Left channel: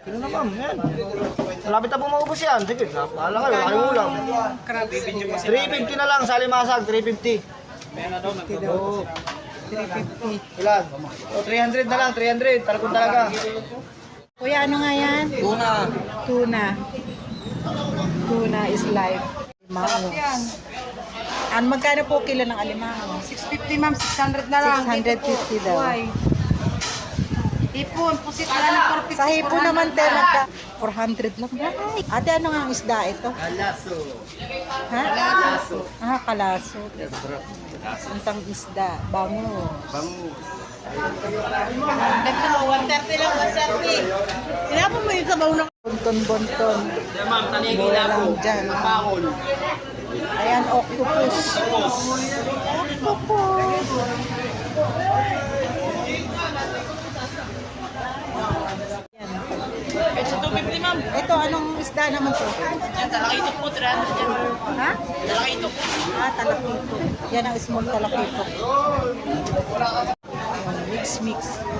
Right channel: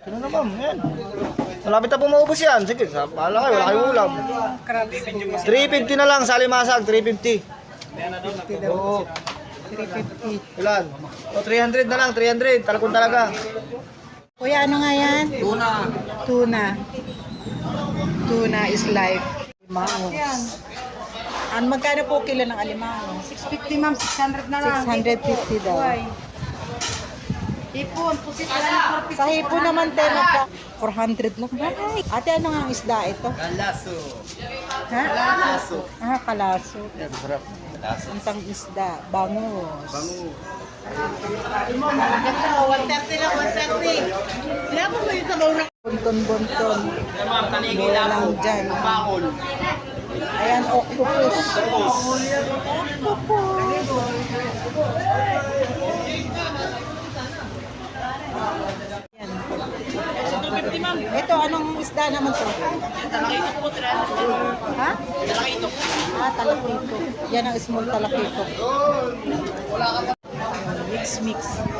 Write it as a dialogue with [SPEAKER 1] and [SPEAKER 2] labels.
[SPEAKER 1] Sino na ma'am? Yan. Malapit na po maubos yan. Sige, sa pahala kayo. Kayo ulam. 350 na lang sa limasag. 350. Mayan na daw. 350. Ulan. 300 na lang. 300. 300. Talagong talaga.
[SPEAKER 2] Kuya, ano nga yan? Tuna. Tuna. Tuna is life. Limao. Ano magkano po kilo okay ng alimao?
[SPEAKER 3] 650 ma'am. 600 na
[SPEAKER 2] lang. 650, 650 daw. Bye.
[SPEAKER 3] Hipon, pusit na
[SPEAKER 2] Sa hipon naman, te, magka 400 lang. Ay. Ate, ano nga ang isda ito?
[SPEAKER 4] Kalaso.
[SPEAKER 2] Ha? Kalaso. Ah, kalaso. kalaso. tang isda. Bangus. Bonton, bonton.
[SPEAKER 1] Bola lang po. dyan. Bangos.
[SPEAKER 2] Ayan, octopus. Okay. Octopus. 250 Ito, anong isda naman to?
[SPEAKER 5] Talakitok po, tira. Ha? Talakitok.
[SPEAKER 2] Ah, talakitok. Yan ang small talakitok. Mix, mix.